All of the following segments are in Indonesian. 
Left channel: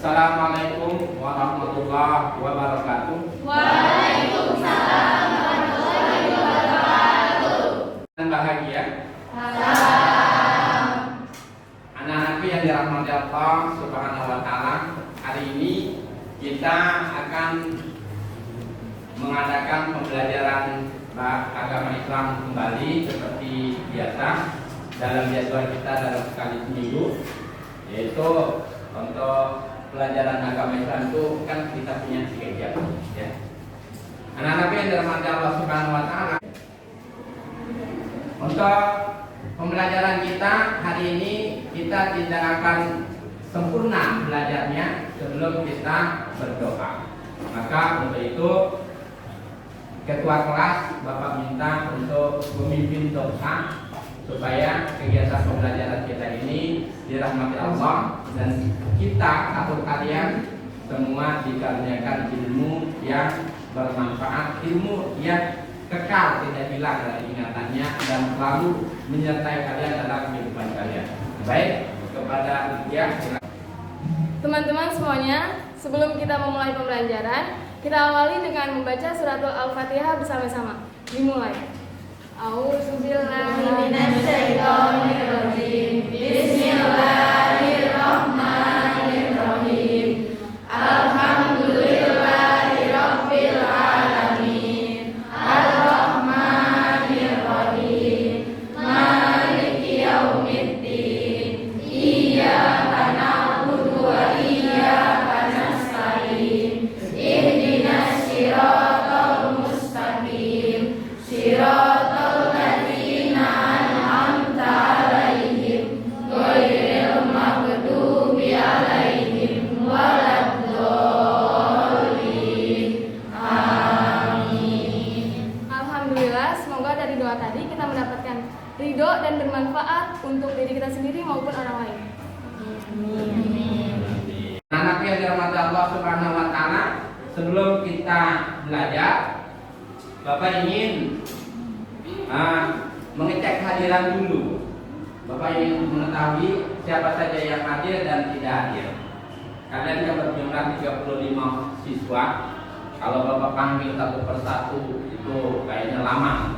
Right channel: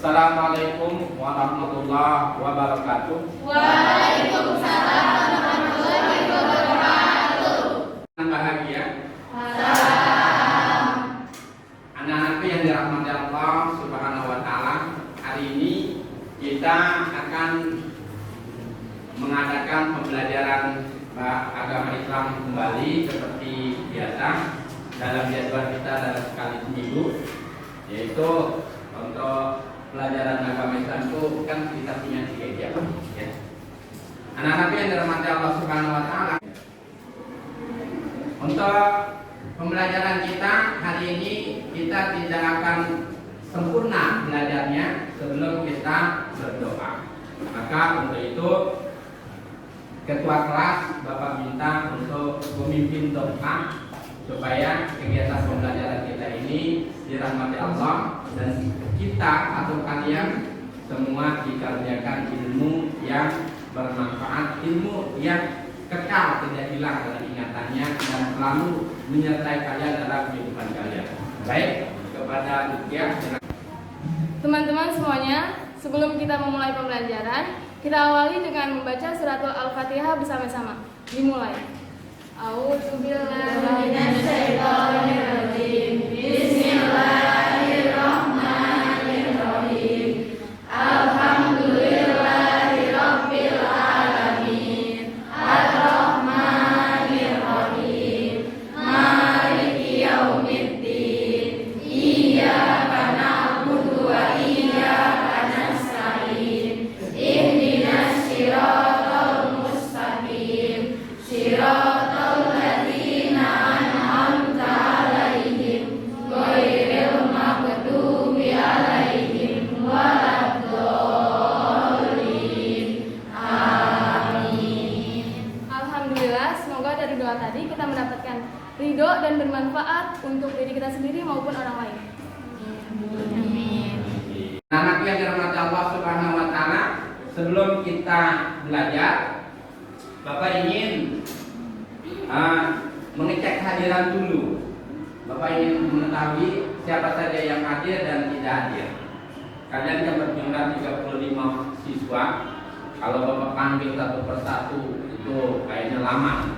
Assalamualaikum warahmatullahi wabarakatuh. Waalaikumsalam warahmatullahi wabarakatuh. Dan bahagia. Salam. Anak-anakku yang dirahmati Allah Subhanahu wa taala, hari ini kita akan mengadakan pembelajaran agama Islam kembali seperti biasa dalam jadwal kita dalam sekali seminggu, yaitu untuk pelajaran agama Islam itu kan kita punya 3 jam, ya. Anak-anak yang dirahmati Allah Subhanahu wa taala, untuk pembelajaran kita hari ini kita tidak akan sempurna belajarnya sebelum kita berdoa. Maka untuk itu ketua kelas Bapak minta untuk memimpin doa supaya kegiatan pembelajaran kita ini dirahmati Allah dan kita atau kalian semua dikaruniakan ilmu yang bermanfaat, ilmu yang kekal tidak hilang dari ingatannya dan selalu menyertai kalian dalam kehidupan kalian. Baik, kepada Lucia. Teman-teman semuanya, sebelum kita memulai pembelajaran, kita awali dengan membaca suratul Al-Fatihah bersama-sama. Dimulai. A'udzubillahiminasyaitonirrajim. Bismillahirrahmanirrahim. Alhamdulillahirabbil alamin. Ar-Rahmanirrahim. Maliki yaumiddin. Iyyaka na'budu wa iyyaka nasta'in. Ihdinas siratal mustaqim. Siratal ladzina an'amta 'alaihim ghairil maghdubi 'alaihim waladdallin. Amin. Alhamdulillah, semoga dari doa tadi kita mendapatkan ridho dan bermanfaat untuk diri kita sendiri maupun orang lain. Amin. Anak yang dirahmati Allah Subhanahu wa taala, sebelum kita belajar, Bapak ingin mengecek hadiran dulu. Bapak ingin mengetahui siapa saja yang hadir dan tidak hadir. Kalian kan berjumlah 35 siswa. Kalau Bapak panggil satu persatu itu kayaknya lama.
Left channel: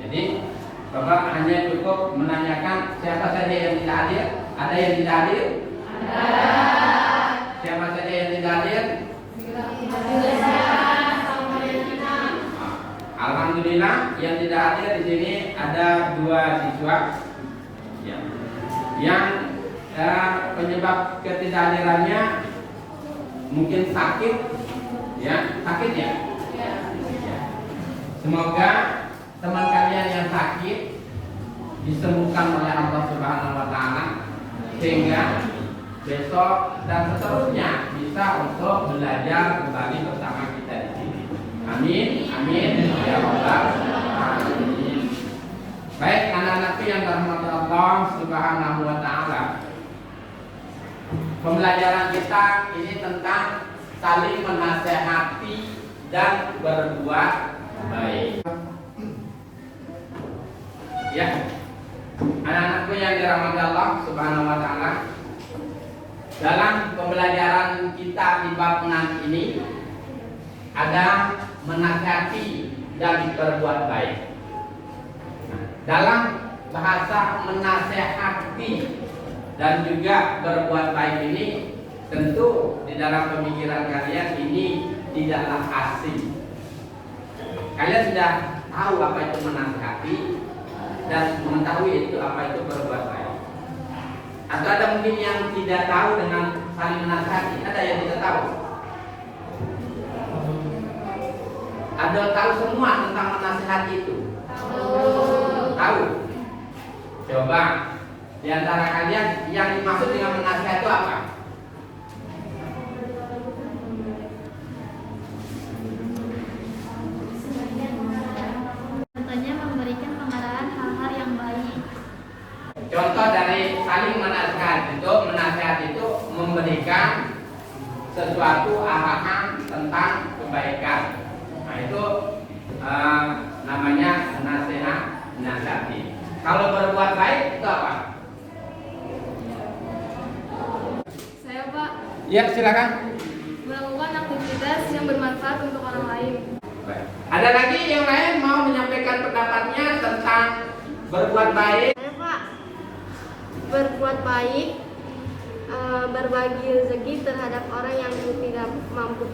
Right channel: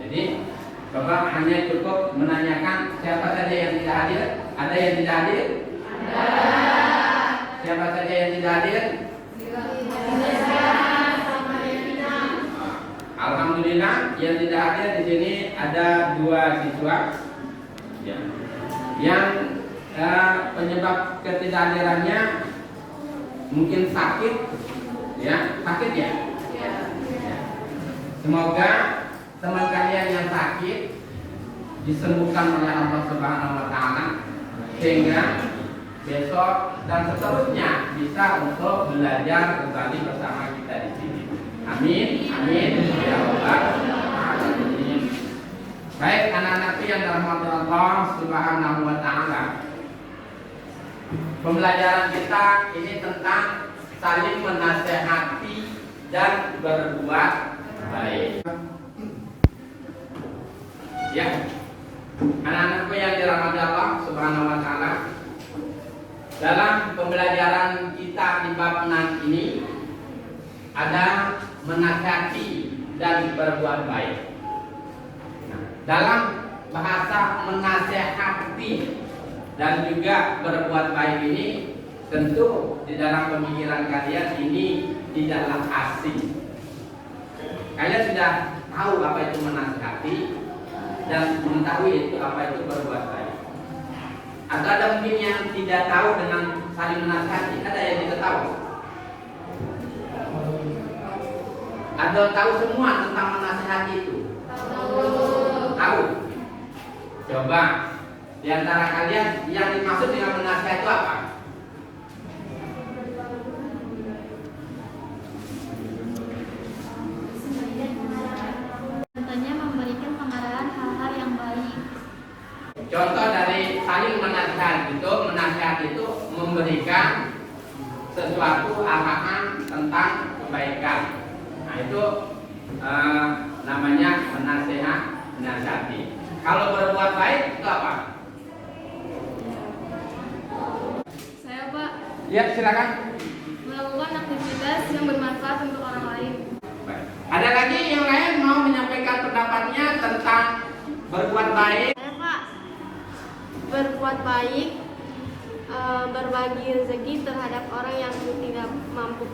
Jadi Bapak hanya cukup menanyakan siapa saja yang tidak hadir. Ada yang tidak hadir? Ada. Siapa saja yang tidak hadir? Alhamdulillah, yang tidak hadir di sini ada 2 siswa, ya. Yang penyebab ketidakhadirannya mungkin sakit, ya, sakit ya. Ya. Semoga teman kalian yang sakit disembuhkan oleh Allah Subhanahu wa taala sehingga besok dan seterusnya bisa untuk belajar kembali bersama kita di sini. Amin, amin, ya Allah. Amin. Baik, anak-anakku yang dirahmati Allah Subhanahu wa taala. Pembelajaran kita ini tentang saling menasehati dan berbuat baik. Ya. Anak-anakku yang dirahmati Allah Subhanahu wa taala. Dalam pembelajaran kita di bab 6 ini ada menasihati dan berbuat baik. Dalam bahasa menasihati dan juga berbuat baik ini, tentu di dalam pemikiran kalian ini tidaklah asing. Kalian sudah tahu apa itu menasihati dan mengetahui itu apa itu berbuat baik. Atau ada mungkin yang tidak tahu dengan saling menasihati? Ada yang tidak tahu? Ada tahu semua tentang menasihati itu? Tahu? Coba di antara kalian yang dimaksud dengan menasihati itu apa? Contohnya memberikan pengarahan hal-hal yang baik. Contoh dari saling menasihati itu memberikan sesuatu arahan tentang kebaikan. Nah itu namanya menasihati. Kalau berbuat baik itu apa? Saya Pak. Ya, silakan. Melakukan aktivitas yang bermanfaat untuk orang lain. Baik. Ada lagi yang lain mau menyampaikan pendapatnya tentang berbuat baik? Pak, berbuat baik, berbagi rezeki terhadap orang yang tidak mampu.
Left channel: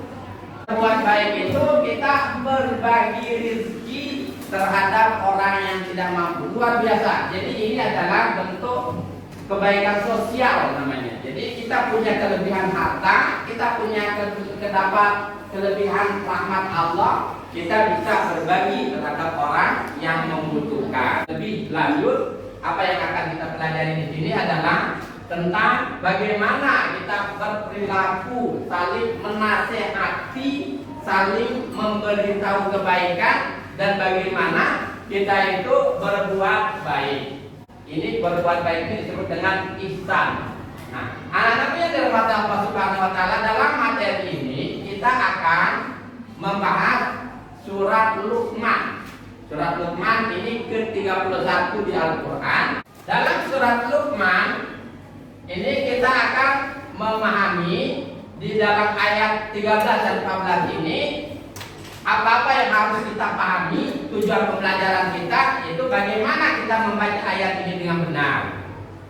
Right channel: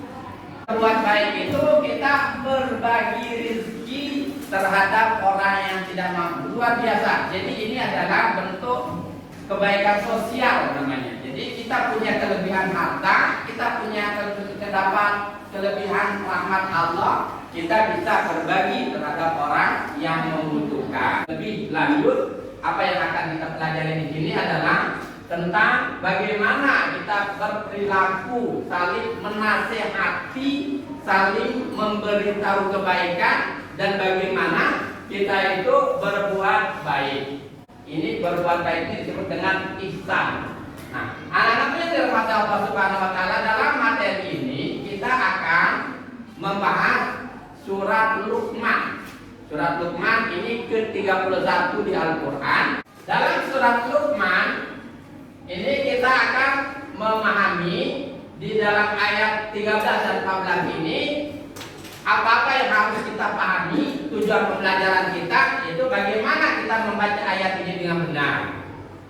Berbuat baik itu kita berbagi rezeki terhadap orang yang tidak mampu. Luar biasa. Jadi ini adalah bentuk kebaikan sosial namanya. Jadi kita punya kelebihan harta, kita punya terdapat kelebihan rahmat Allah, kita bisa berbagi terhadap orang yang membutuhkan. Lebih lanjut, apa yang akan kita pelajari di sini adalah tentang bagaimana kita berperilaku, saling menasehati, saling memberitahu kebaikan, dan bagaimana kita itu berbuat baik. Ini berbuat baik itu disebut dengan ihsan. Nah, anak-anak yang dirahmati Allah Subhanahu wa taala, dalam materi ini kita akan membahas surat Luqman. Surat Luqman ini ke-31 di Al-Qur'an. Dalam surat Luqman ini kita akan memahami di dalam ayat 13 dan 14 ini apa-apa yang harus kita pahami. Tujuan pembelajaran kita yaitu bagaimana kita membaca ayat ini dengan benar.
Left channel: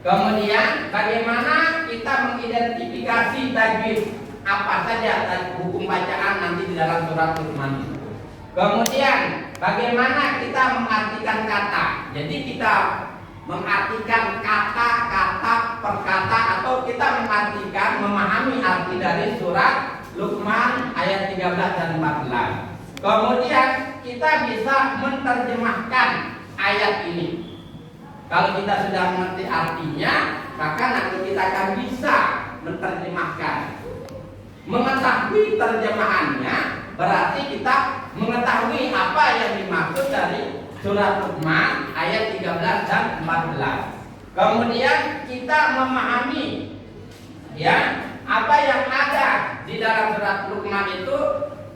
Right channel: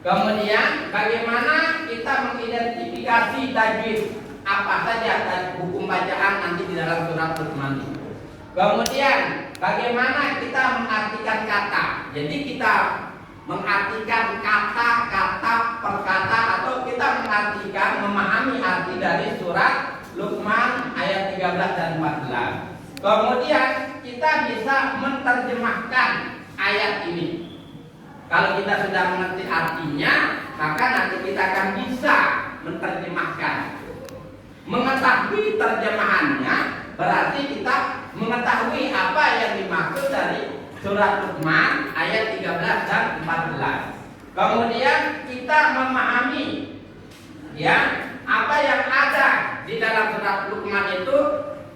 Kemudian bagaimana kita mengidentifikasi tajwid, apa saja hukum bacaan nanti di dalam surat Luqman. Kemudian bagaimana kita mengartikan kata. Jadi kita mengartikan kata-kata per kata, atau kita mengartikan, memahami arti dari surat Luqman ayat 13 dan 14. Kemudian kita bisa menerjemahkan ayat ini. Kalau kita sudah mengerti artinya, maka nanti kita akan bisa menerjemahkan. Mengetahui terjemahannya berarti kita mengetahui apa yang dimaksud dari surat Luqman ayat 13 dan 14. Kemudian kita memahami ya, apa yang ada di dalam surat Luqman itu,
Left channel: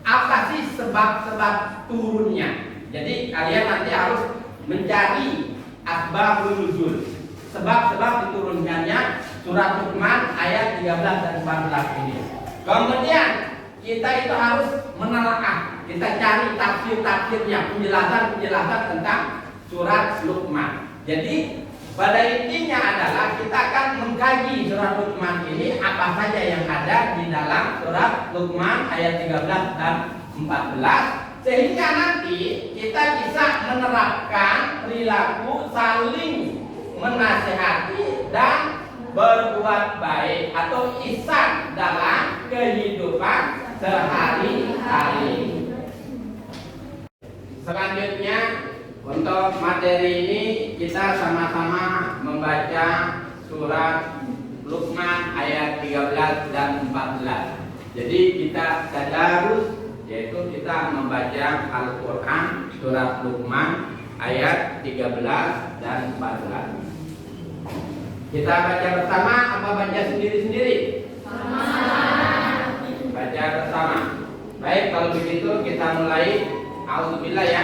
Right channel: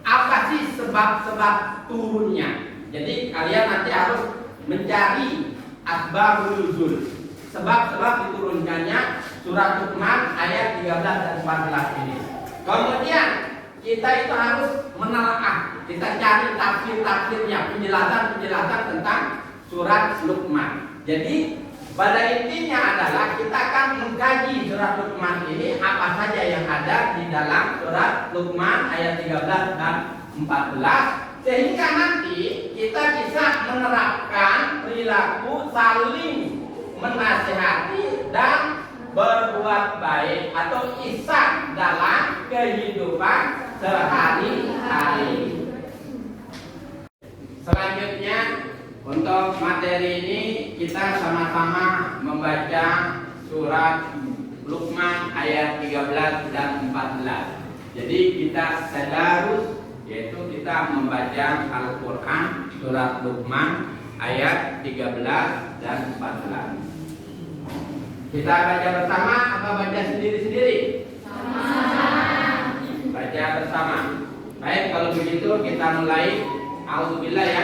apa sih sebab-sebab turunnya. Jadi kalian nanti harus mencari asbabun nuzul, sebab-sebab diturunkannya surat Luqman ayat 13 dan 14 ini. Kemudian kita itu harus menelaah, kita cari tafsir-tafsirnya, penjelasan-penjelasan tentang surat Luqman. Jadi pada intinya adalah kita akan mengkaji surat Luqman ini, apa saja yang ada di dalam surat Luqman ayat 13 dan 14, sehingga nanti kita bisa menerapkan perilaku saling menasihati dan berbuat baik atau ihsan dalam kehidupan sehari-hari. Selanjutnya, untuk materi ini kita sama-sama membaca surat Luqman ayat 13 dan 14. Jadi kita tadarus, yaitu kita membaca Al-Qur'an surat Luqman ayat 13 dan 14. Kita baca bersama atau baca sendiri-sendiri? Baca bersama. Baik, kalau begitu kita mulai. A'udzubillah ya.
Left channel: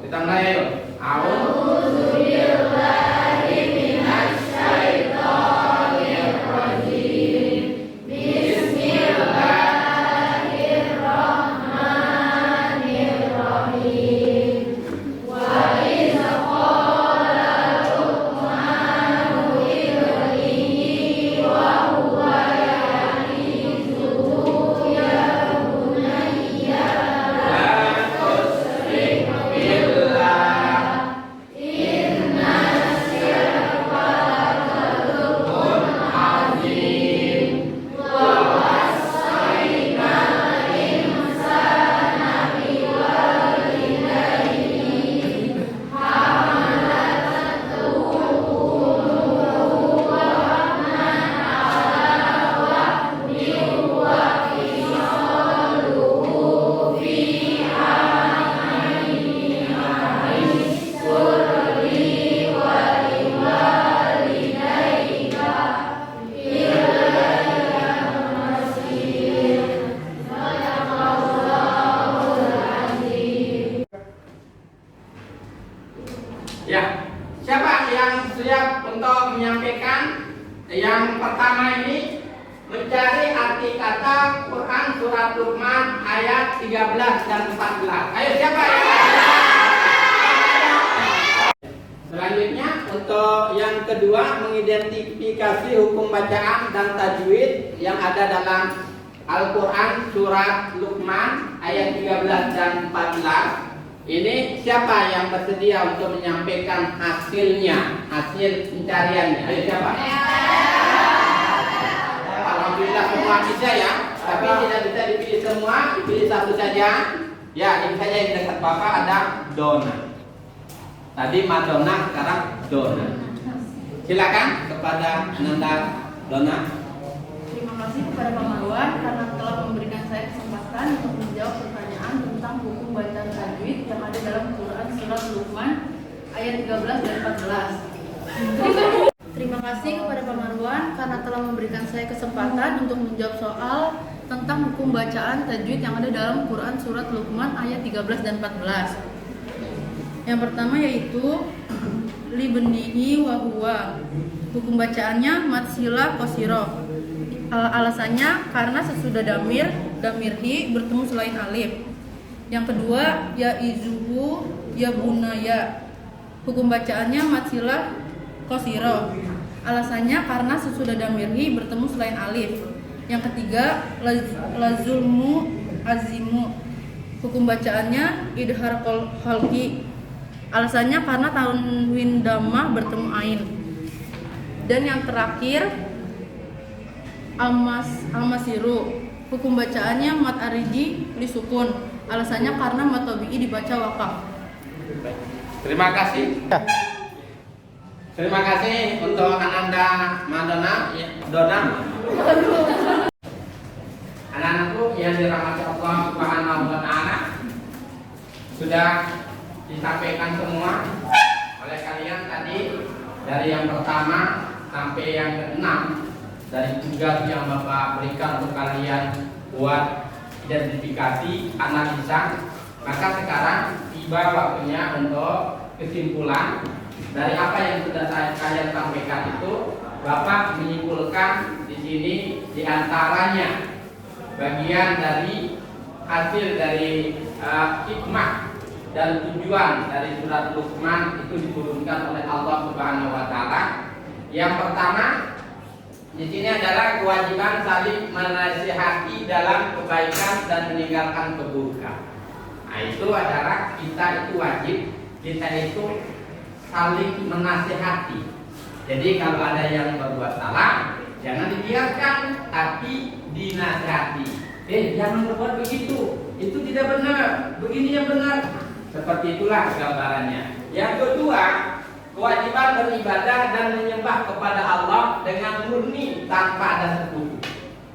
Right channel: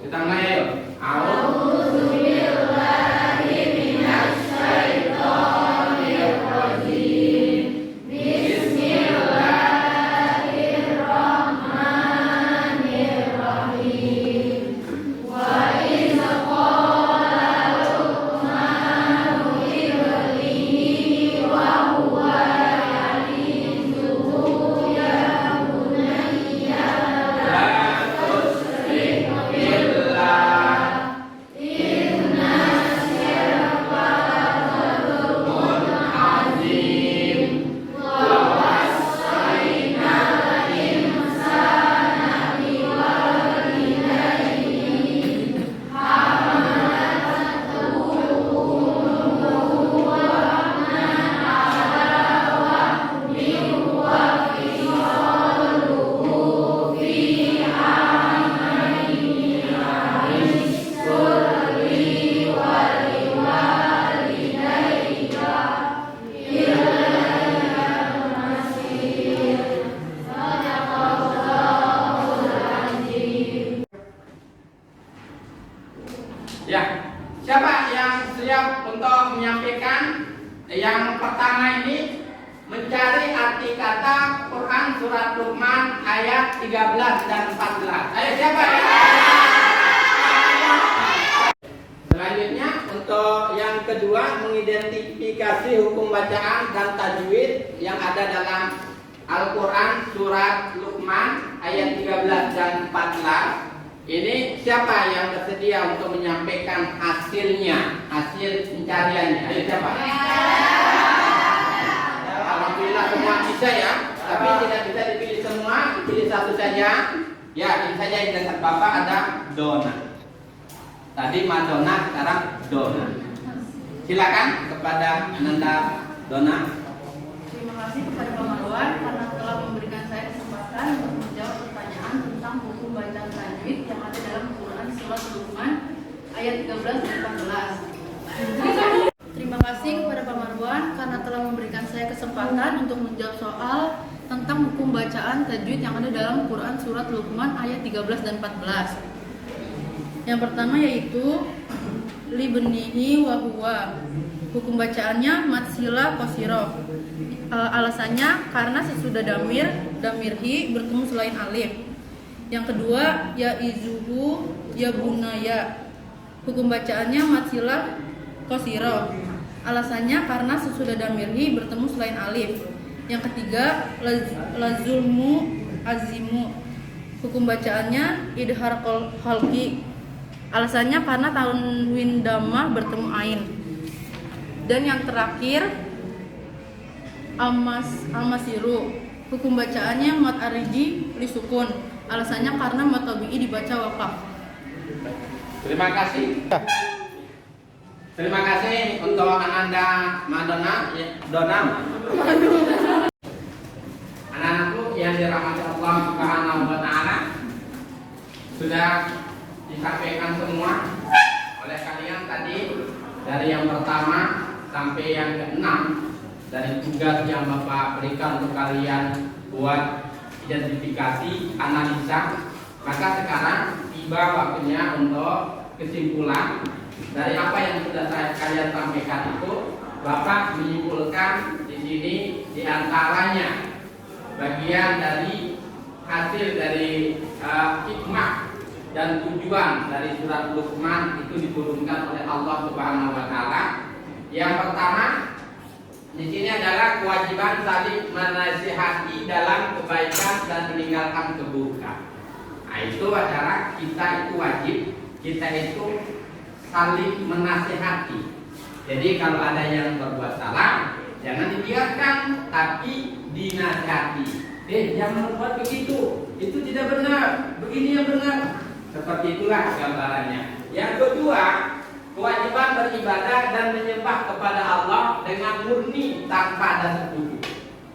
Kita mulai ayo. A'udzubillahi minasyaitonir rajim. Bismillahirrahmanirrahim. Wa idza qala Luqmanu libnihi wa huwa ya'izuhu ya bunayya la tusyrik billah inna syirka la-dzulmun 'adzim wa wassayna al-insana biwalidayhi hamalathu ummuhu wahnan 'ala wahnin wa fisaluhu fi 'amaini an ishkur li wa liwalidayka ilayya al-masir. Sadaqallahul azim. Ya, siapa yang siap untuk menyampaikan yang pertama ini? mencari arti kata Quran surat Luqman ayat 13 dan 14. Ayo siapa ya? Selanjutnya untuk yang kedua, mengidentifikasi hukum bacaan dan tajwid yang ada dalam Al-Quran surat Luqman ayat 13 dan 14. Ini siapa yang bersedia untuk menyampaikan hasilnya, hasil pencariannya? Ayo siapa? Alhamdulillah semua bisa ya, tapi tidak bisa dipilih semua, dipilih satu saja. Ya, ini saja yang dekat Bapak ada Dona. Tadi Madonna, sekarang Dona. Silakan kepada Ananda Dona. Terima kasih kepada Pak Marwan karena telah memberikan saya kesempatan untuk menjawab pertanyaan tentang hukum bacaan tajwid yang ada dalam Quran surat Luqman ayat 13 dan 14. Terima kasih kepada Pak Marwan karena telah memberikan saya kesempatan untuk menjawab soal tentang hukum bacaan tajwid yang ada dalam Quran surat Luqman ayat 13 dan 14. Yang pertama yaitu libnihi wa huwa. Hukum bacaannya matsila qasiro. Alasannya karena sesudah damirhi bertemu selain alif. Yang kedua ya izuhu ya bunaya. Hukum bacaannya matsila qasiro. Alasannya karena sesudah damirhi bertemu selain alif. Yang ketiga lazulmu azimu. Hukum bacaannya idhar khalqi. Alasannya karena tanwin damah bertemu ain. Dan yang terakhir amasiru. Hukum bacaannya mat aridi lisukun. Alasannya karena mat tabi'i dibaca wakaf. Terima kasih. Terima kasih untuk Ananda Madonna Dona. Anak-anakku yang dirahmati Allah Subhanahu wa taala, sudah disampaikan semua oleh kalian tadi, dari yang pertama sampai yang keenam, dari tugas yang Bapak berikan untuk kalian buat identifikasi, analisa. Maka sekarang tiba waktunya untuk kesimpulan dari apa yang sudah kalian sampaikan itu. Bapak menyimpulkan di sini diantaranya bagian dari hasil dari hikmah dan tujuan dari surat Luqman itu diturunkan oleh Allah Subhanahu wa taala. Yang pertama di sini adalah kewajiban saling menasihati dalam kebaikan dan meninggalkan keburukan. Nah, itu adalah kita itu wajib, kita itu saling menasihati. Jadi kalau ada yang berbuat salah, jangan dibiarkan, tapi dinasihati. Jangan berbuat begitu, itu tidak benar, begini yang benar. Seperti itulah gambarannya. Yang kedua, kewajiban beribadah dan menyembah kepada Allah dengan murni tanpa ada sekutu.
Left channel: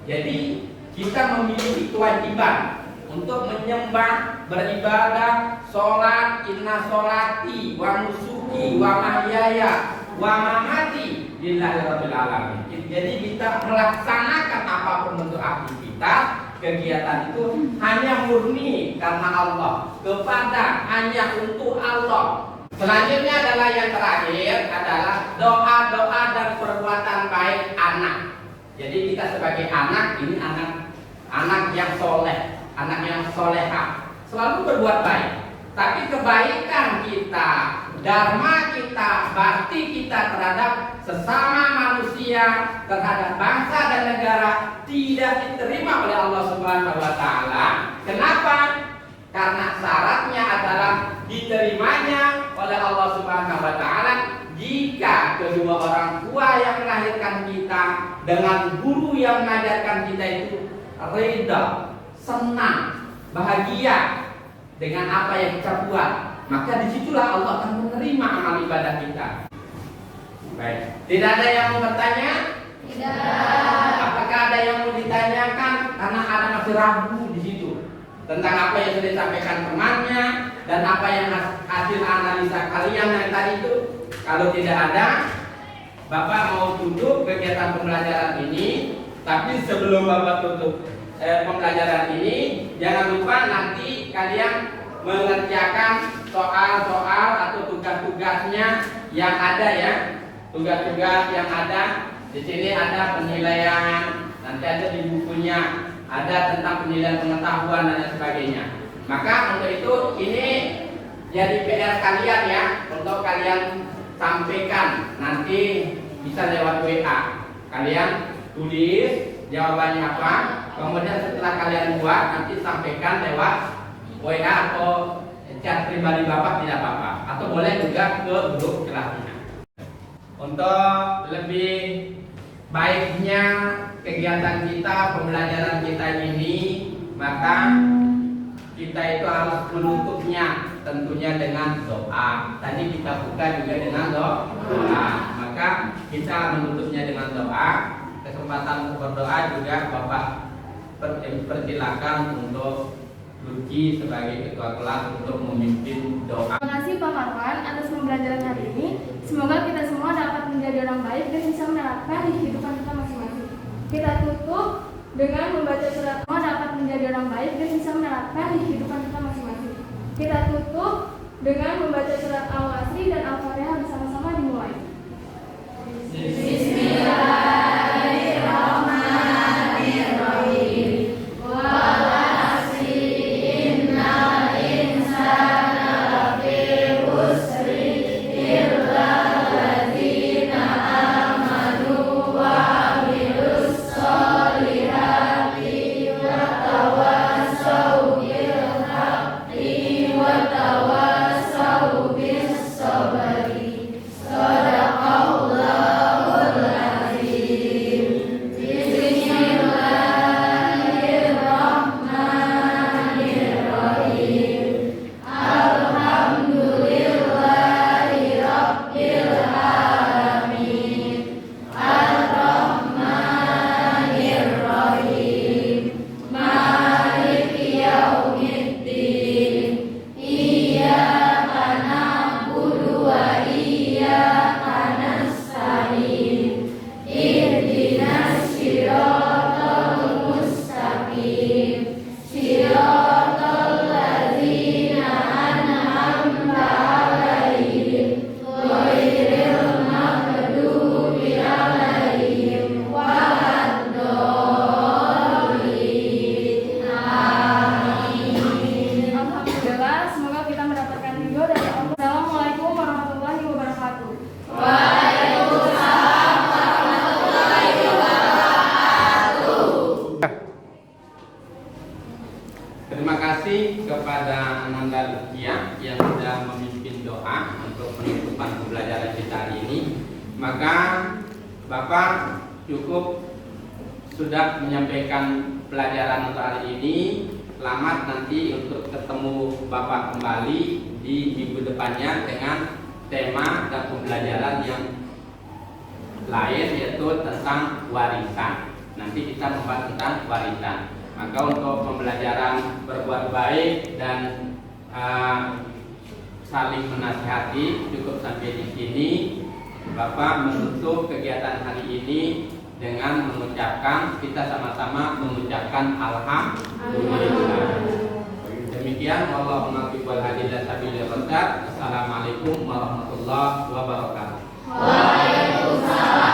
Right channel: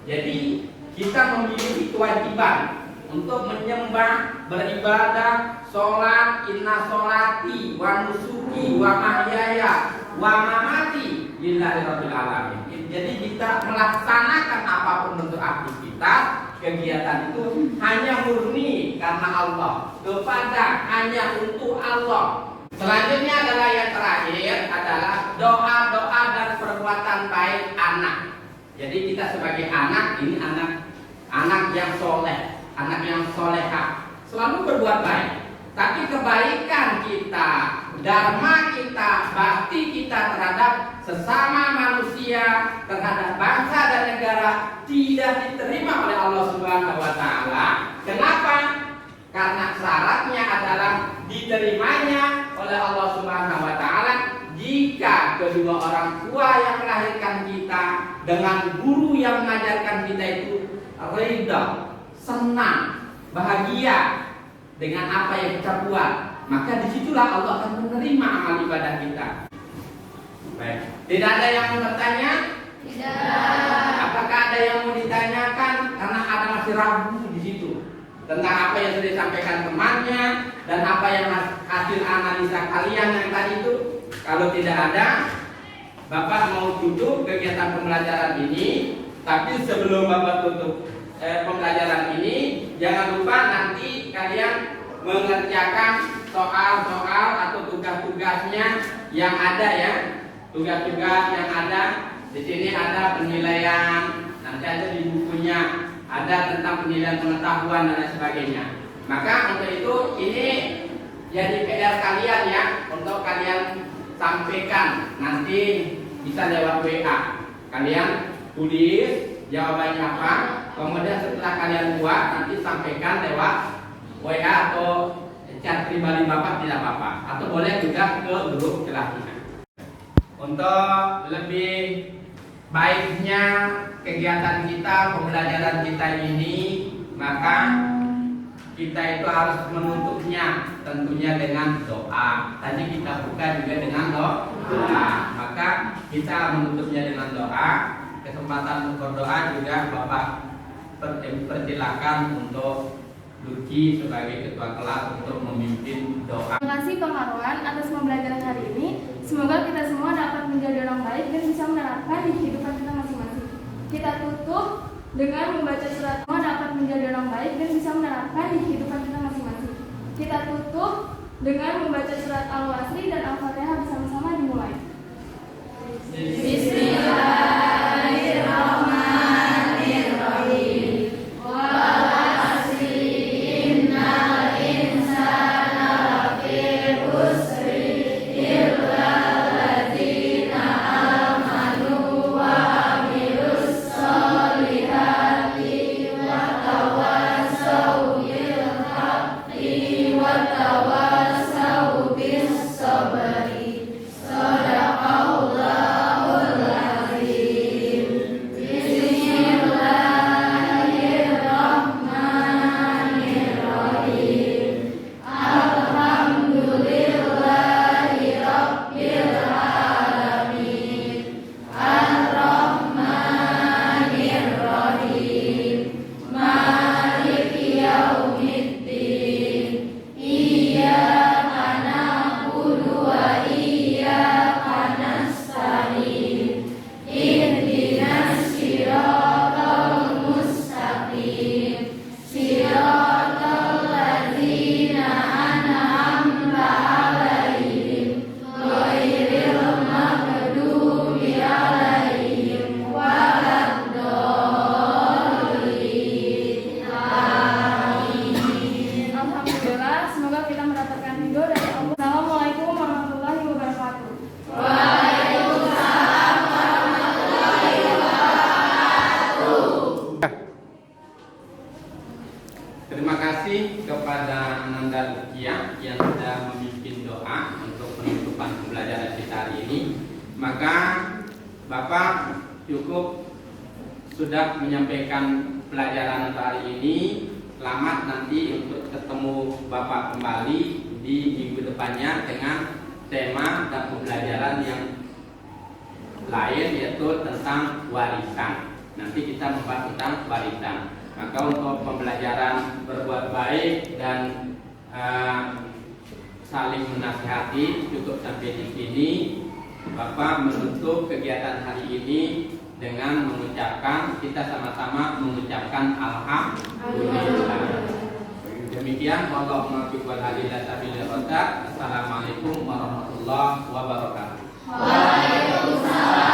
Jadi kita memiliki kewajiban untuk menyembah, beribadah, sholat, inna sholati, wa nusuki, wa mahyaya, wa mamati lillahi rabbil alamin. Jadi kita melaksanakan apapun bentuk aktivitas, kegiatan itu hanya murni karena Allah, kepada hanya untuk Allah. Selanjutnya adalah yang terakhir adalah doa-doa dan perbuatan baik anak. Jadi kita sebagai anak, ini anak yang soleh, anak yang soleha, selalu berbuat baik. Tapi kebaikan kita, dharma kita, bakti kita terhadap sesama manusia, terhadap bangsa dan negara tidak diterima oleh Allah Subhanahu wa taala. Kenapa? Karena syaratnya adalah diterimanya oleh Allah Subhanahu wa taala jika kedua orang tua yang melahirkan kita dengan guru yang mengajarkan kita itu ridha, senang, bahagia dengan apa yang kita buat, maka disitulah Allah akan menerima amal ibadah kita. Baik, tidak ada yang mau bertanya? Tidak. Apakah ada yang mau ditanyakan? Karena ada masih ragu di situ tentang apa yang sudah disampaikan temannya dan apa yang hasil analisa kalian yang tadi itu. Kalau tidak ada, Bapak mau tutup kegiatan pembelajaran ini. Tapi sebelum Bapak tutup pembelajaran ini, jangan lupa nanti kalian mengerjakan soal-soal atau tugas-tugasnya yang ada ya. Tugas-tugas yang ada di sini ada penilaian. Nah, nanti ada di bukunya, ada tentang penilaian pengetahuan dan lain sebagainya. Maka untuk itu ini jadi PR kalian ya, untuk kalian sampaikan nanti bisa lewat WA. Kalian tulis jawabannya apa, kemudian setelah kalian buat nanti sampaikan lewat WA atau chat pribadi Bapak tidak apa-apa, atau boleh juga ke grup kelasnya. Untuk lebih baiknya kegiatan kita, pembelajaran kita ini, maka kita itu harus menutupnya tentunya dengan doa. Tadi kita buka juga dengan doa. Maka kita menutupnya dengan doa. Kesempatan berdoa juga Bapak persilakan untuk Lucky sebagai ketua kelas untuk memimpin doa. Terima kasih Pak Marwan atas pembelajaran hari ini. Semoga kita semua dapat menjadi orang baik dan bisa menerapkan di kehidupan kita masing-masing. Kita tutup dengan membaca surat. Semua dapat menjadi orang baik dan bisa menerapkan di kehidupan kita masing-masing. Kita tutup dengan membaca surat Al-Wasri dan Al-Fatihah bersama-sama dimulai. Terima kasih kepada Ananda Lukia yang sudah memimpin doa untuk penutupan pembelajaran kita hari ini. Maka Bapak cukup sudah menyampaikan pelajaran untuk hari ini. Selamat nanti untuk ketemu Bapak kembali di minggu depannya dengan tema dan pembelajaran yang lain, yaitu tentang warisan. Nanti kita membahas tentang warisan. Maka untuk pembelajaran berbuat baik dan saling menasihati cukup sampai di sini. Bapak menutup kegiatan hari ini dengan mengucapkan, kita sama-sama mengucapkan alhamdulillah. Demikian, Allahumma qul hadillah sabilil rasyad. Assalamualaikum warahmatullahi wabarakatuh. Waalaikumsalam.